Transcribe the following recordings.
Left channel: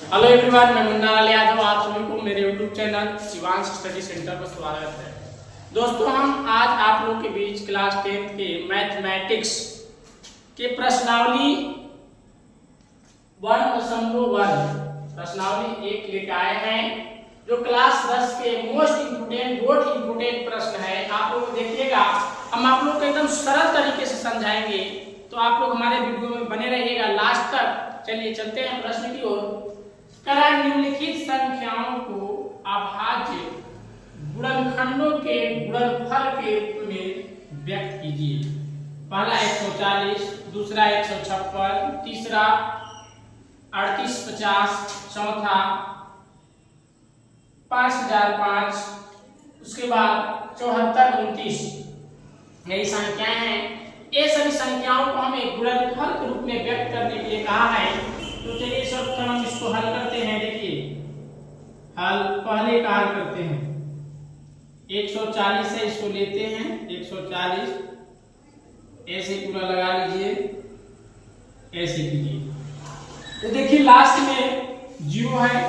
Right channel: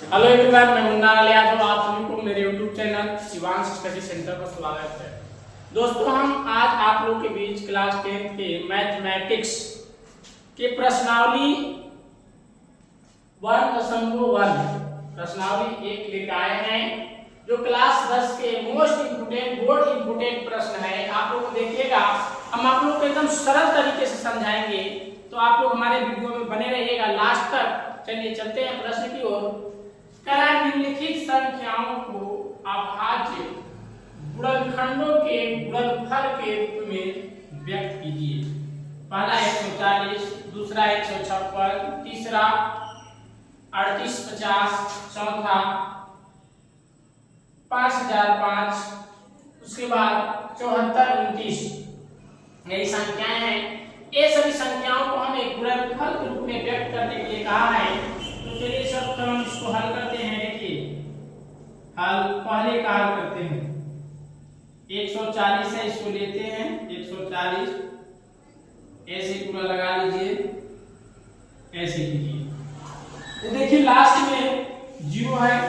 Hello everyone, मैं मुन्ना लाल यादव। आप सभी को मेरे YouTube channel Shivansh study centre पर स्वागत है। दोस्तों, हम आज आप लोग के बीच क्लास 10 के मैथमेटिक्स के प्रश्नावली 1.1 प्रश्नावली 1 लेकर आए हैं, जो क्लास 10 के मोस्ट इम्पोर्टेंट प्रश्न है। आप लोग देखिएगा, हम आप लोग को एकदम सरल तरीके से समझाएंगे, तो आप लोग हमारे वीडियो में बने रहिएगा लास्ट तक। चलिए चलते हैं प्रश्न की ओर। निम्नलिखित संख्याओं को अभाज्य गुणनखंडों के गुणनफल के रूप में व्यक्त कीजिए। पहला 140, दूसरा 156, तीसरा 3850, चौथा 5005, उसके बाद 7429। यही संख्याएं हैं। ये सभी संख्याओं को हमें गुणनफल के रूप में व्यक्त करने के लिए कहा है। तो चलिए सब हम इसको हल करते हैं। देखिए, हल पहले का हल करते हैं। 140 है, इसको लेते हैं 140, ऐसे पूरा लगा लीजिए, ऐसे कीजिए। तो देखिए लास्ट में 0 है,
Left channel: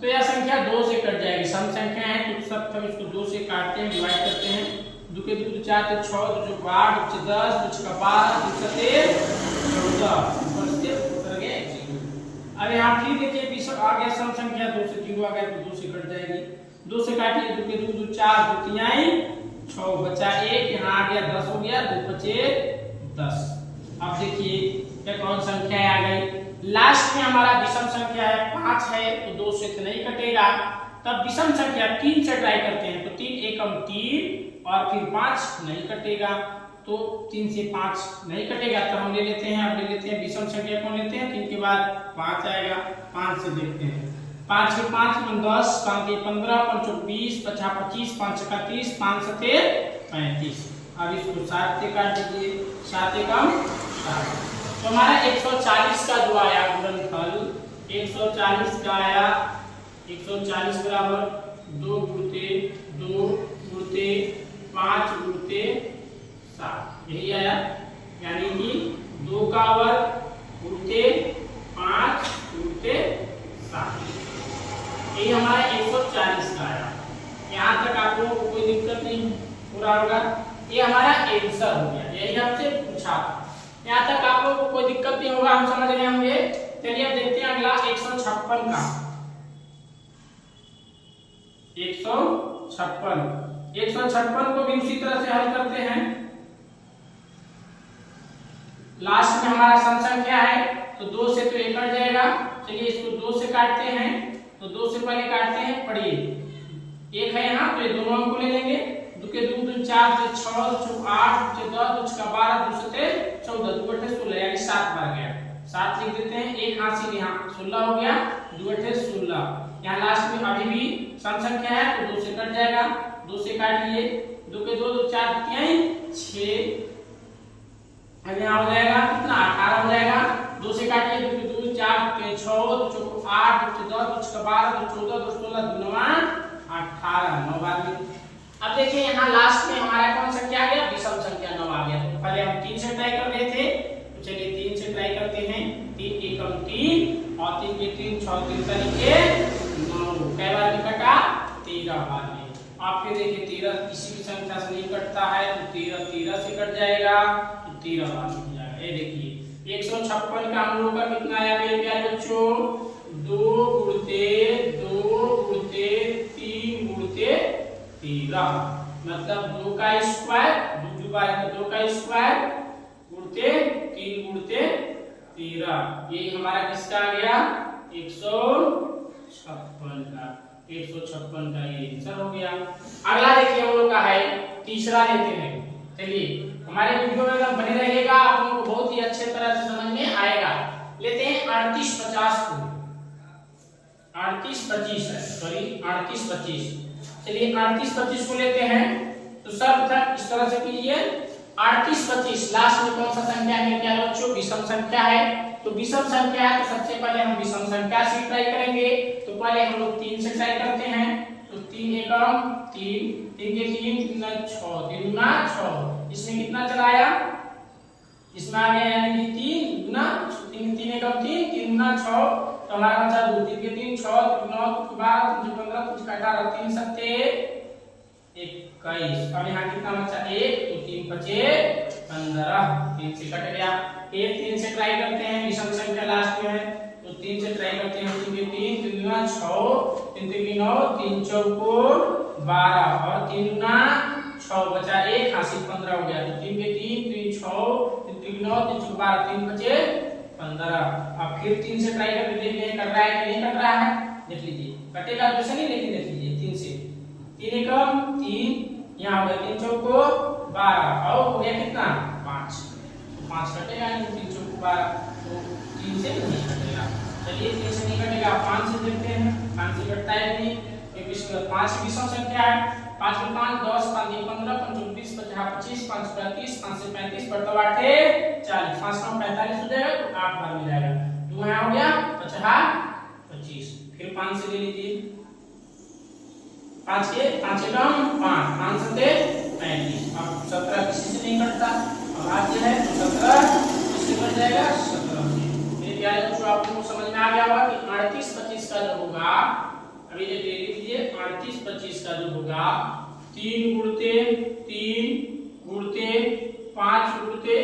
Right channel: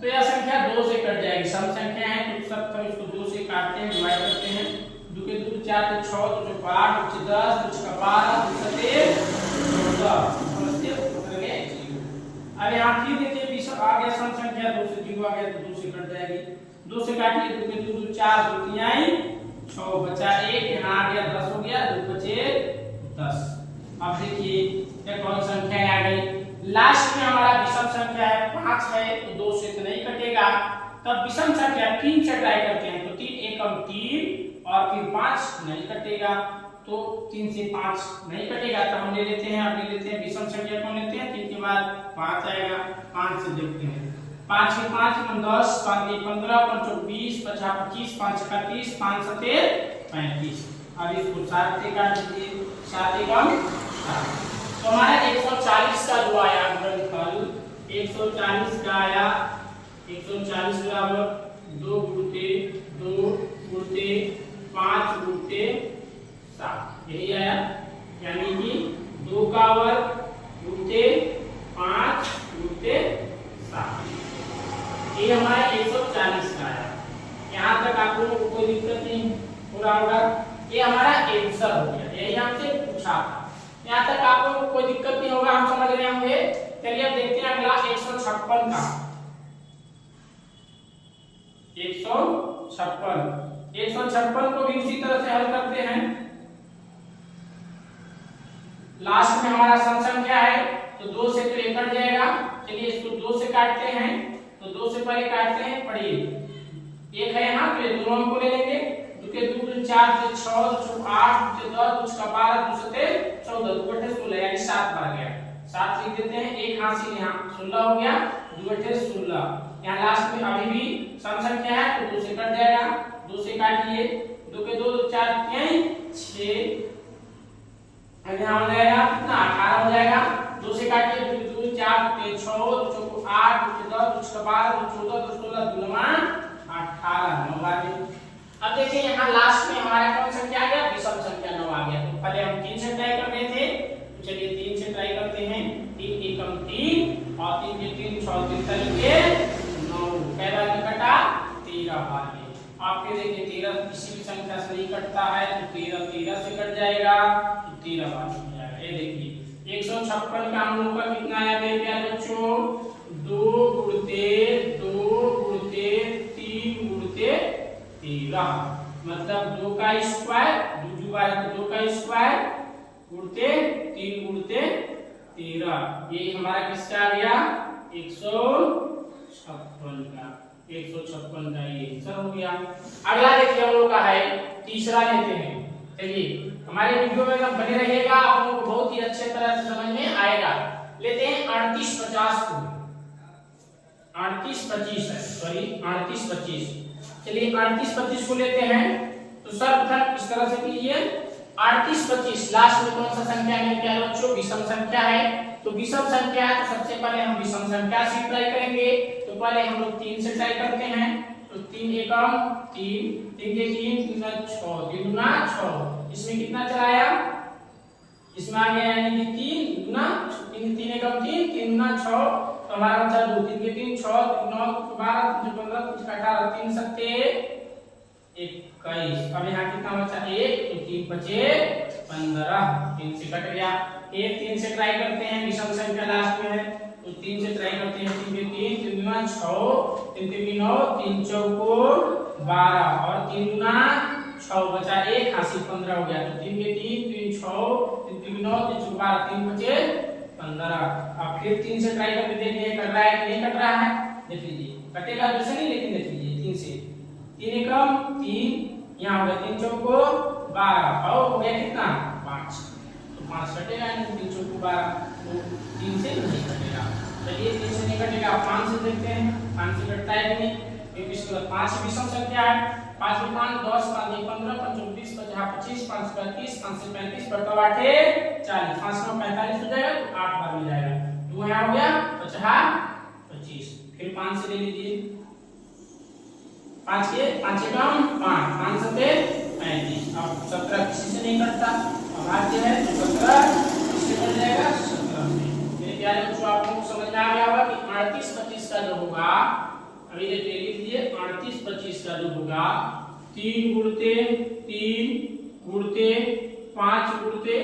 तो यह संख्या 2 से कट जाएगी। सम संख्या है तो सब हम इसको 2 से काटते हैं, डिवाइड करते हैं। 2 के 2 4 तो 6, 2 को 8, 2 10, 2 का 12, 2 से 14, अब यहाँ फिर देखिए आगे सम संख्या 2 से 0 आ गया तो 2 से कट जाएगी। 2 से काटिए, 2 के 2 4, 2 3 6, बचा 1, यहाँ आ गया 10 हो गया, 2 बचे 10। अब देखिए ये कौन संख्या आ गई। लास्ट में हमारा विषम संख्या है 5 है, तो 2 से तो नहीं कटेगा। तब विषम संख्या 3 से ट्राई करते हैं, तो 3 एकम 3 और फिर 5 नहीं कटेगा, तो 3 से 5 नहीं कटेगा, तो हम ले लेते हैं। अब ले लेते हैं विषम संख्या कौन लेते हैं, 3 के बाद 5 आएगा। 5 से देखते हैं, 5 के 5 में 10, 5 के 15, 5 20, 5 25, 5 का 30, 5 सते 35। अब इसको 7 से काट दीजिए, 7 एकम 7। तो हमारा 140 का जो आया गुणनफल, 140 का आया 140 बराबर 2 गुणते 2 गुणते 5 गुणते 7, यही आया। यानी कि 2 का वर्ग गुणते 5 गुणते 7, ये हमारा 140 का आया। यहाँ तक आप लोगों को कोई दिक्कत नहीं हो रहा होगा। ये हमारा आंसर हो गया, यही हमसे पूछा था। यहाँ तक आप लोगों को कोई दिक्कत नहीं होगा, हम समझ रहे होंगे। चलिए अब देखते हैं अगला 156 का। 156 को भी उसी तरह से हल करते हैं। लास्ट में हमारा सम संख्या है, तो 2 से तो 1 कट जाएगा। चलिए इसको 2 से काटते हैं, तो 2 से पहले काटते हैं, पढ़िए 1 है यहाँ, तो ये दोनों अंक को ले लेंगे। 2 के 2 2 4 2 6 2 8 2 10 2 का 12 2 से 14, 2 8 16, यानी 7 बार गया। 7 लिख देते हैं, एक हासिल यहाँ 16 हो गया, 2 8 16। यहाँ लास्ट में अभी भी सम संख्या है, तो 2 से कट जाएगा। 2 से काटिए, 2 के 2 2 4 3 6, यहाँ हो जाएगा कितना 18 हो जाएगा। 2 से काटिए, 2 2 4 के 6 2 को 8 2 10 2 का 12 2 14 2 16 2 9 18, 9 बार में। अब देखिए यहाँ लास्ट में हमारा कौन संख्या आ गया, विषम संख्या 9 आ गया। तो पहले हम 3 से ट्राई कर रहे थे, तो चलिए 3 से ट्राई करते हैं। 3 एकम 3 और 3 के 3 6 3 तरीके 9, कै बार में कटा 13 बार में। आप फिर देखिए 13 किसी भी संख्या से नहीं कटता है, तो 13 से कट जाएगा, तो 13 बार हो जाएगा। ये देखिए 156 का हम लोग का कितना आया मेरे प्यारे बच्चों, 2 गुणते 3 गुणते 13, मतलब 2 का स्क्वायर, 2 बार है तो 2 का स्क्वायर गुणते 3 गुणते 13। ये हमारा किसका आ गया, 156 का। 156 का ये आंसर हो गया। अगला देखिए हम लोग का है, तीसरा लेते हैं। चलिए हमारे वीडियो में एकदम बने रहिएगा, आप लोगों को बहुत ही अच्छे तरह से समझ में आएगा। लेते हैं 3850 को। 3825 है, सॉरी 3825। चलिए 3825 को लेते हैं, तो सर्वप्रथम इस तरह से कीजिए। 3825 लास्ट में कौन सा संख्या है क्या बच्चों, विषम संख्या है। तो विषम संख्या है, तो सबसे पहले हम विषम संख्या से ट्राई करेंगे। तो पहले हम लोग 3 से ट्राई करते हैं, तो 3 एकम 3, 3 के 3 3 6, 3 गुना 6। इसमें कितना चलाया, इसमें आ गया यानी कि 3 गुना 3 3 एकम 3 3 गुना 6 तो हमारा बचा 2 3 के 3 6 3 9 12 3 15 3 18 3 सत्ते 21। अब यहाँ कितना बचा 1 तो 3 बचे 15, 3 से कट गया। एक 3 से ट्राई करते हैं, विषम संख्या लास्ट में है तो 3 से ट्राई करते हैं। 3 के 3 3 गुना 6 3 3 की 9 3 चौको 12 और 3 गुना 6 बचा 1 80 15 हो गया। तो 3 के 3 3 6 3 3 9 3 चौको 12 3 बचे 15। अब फिर 3 से ट्राई करके देखिए कट रहा है कि नहीं कट रहा है, देख लीजिए। कटेगा तो ऐसे नहीं, लेकिन देख लीजिए 3 से 3 एकम 3 यहाँ हो गया 3 चौको 12 और हो गया कितना 5, तो 5 कटेगा नहीं, 3 चौको 12 तो 3 से नहीं कटेगा। चलिए 3 से नहीं कटेगा, 5 से देखते हैं 5 से कटता है नहीं, क्योंकि इसके बाद 5 विषम संख्या है। 5 में 5 10 5 में 15 5 20 50 25 5 35 5 से 35 बटा 8 40 5 में 45 हो जाएगा तो 8 बार में जाएगा। तो यहाँ हो गया 50 25। फिर 5 से ले लीजिए, 5 के 5 कम 5 5 सत्ते 35। अब 17 किसी से नहीं कटता, अब भाज्य है तो 17 किससे कट जाएगा 17 से। मेरे प्यारे बच्चों आपको समझ में आ गया होगा कि 38 25 का जो होगा, अभी ये ले लीजिए 38 25 का जो होगा 3 गुणते 3 गुणते 5 गुणते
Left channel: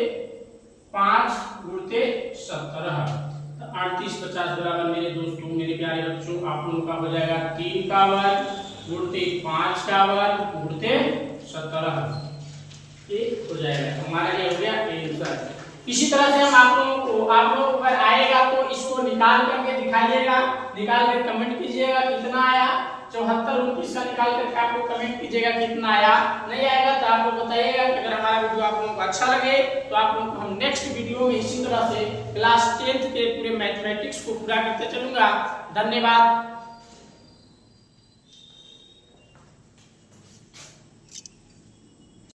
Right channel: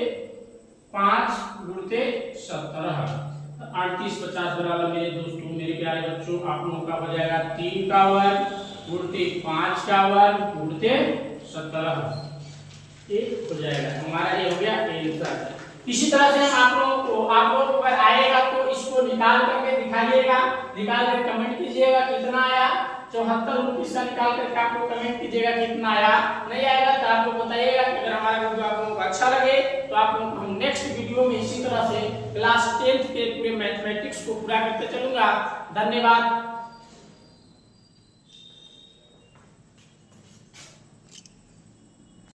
5 गुणते 17। 38 50 बराबर मेरे दोस्तों मेरे प्यारे बच्चों आप लोगों का हो जाएगा 3 का वर्ग गुणते 5 का वर्ग गुणते 17 ये हो जाएगा। हमारा ये हो गया आंसर। इसी तरह से हम आप लोगों को अगर आएगा तो इसको निकाल करके दिखाइएगा, निकाल कर कमेंट कीजिएगा कितना आया। 74 29 का निकाल करके आप लोग कमेंट कीजिएगा कितना आया। नहीं आएगा तो आप लोग बताइएगा। अगर हमारा वीडियो आप लोगों को अच्छा लगे तो आप लोगों को हम नेक्स्ट वीडियो में इसी तरह से क्लास 10th के पूरे मैथमेटिक्स को पूरा करते चलूंगा। धन्यवाद।